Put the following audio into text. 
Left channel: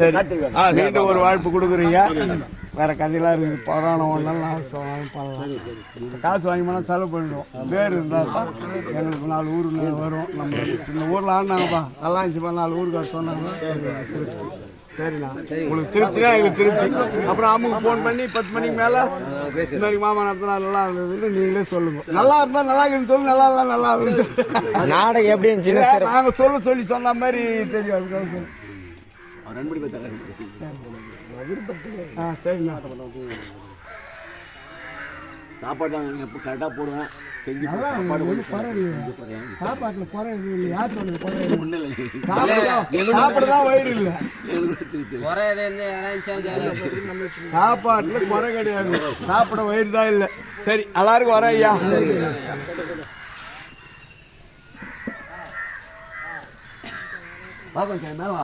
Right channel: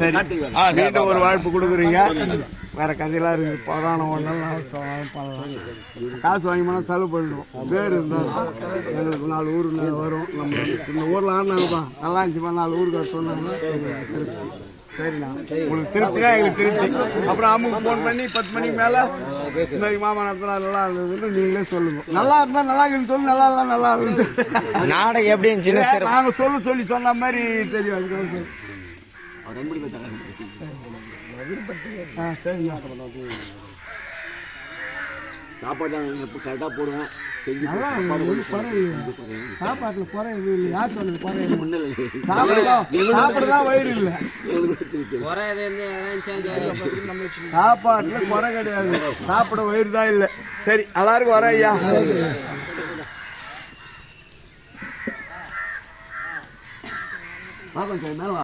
சரி. ஒரு வாய்ப்பு கொடுக்குறீங்க. வேற கதையெல்லாம் இருக்குது புராணம் ஒன்றெல்லாம் பண்ணலாம் காசு வாங்கி போனால் செலவு பண்ணிடுவோம் பேர் இருந்தால் எங்களுக்கு நாலு ஊர் வரும். நம்ம இந்த ஊரில் ஆனாங்கப்பா நல்லா இருந்துச்சுப்பா நாலு ஊருக்கு சொன்னாங்கன்னா சரிண்ணா உங்களுக்கு திருப்தியா? எங்களுக்கு திருப்தி. அப்புறம் அம்முக்கு ஃபோன் பண்ணி பத்து மணிக்கு மேலே இன்னைக்கு மாமா நடத்தினா நல்லா இருந்ததுன்னு நீங்களே சொல்லுங்க. நல்லா இருந்தா நல்லா இருக்குன்னு சொல்லு நல்லா இருந்தா நல்லா இருந்து நாடகம் எப்படி இருந்துச்சுன்னு சிறப்பு. நாங்க சொல்ல சொல்லி சொன்ன மாதிரி தெரியும். அதுக்காக சாப்பாடு நான் எப்போ கரெக்டாக போடுவேன் செஞ்சு சாப்பாடு சாப்பாட்டில் குறை யார் குறை ஒன்றும் இல்லை குறை கிடையாது சாப்பிட வயிறு தான் இல்லை சரி எல்லாருக்கும் வர ஐயா மேலே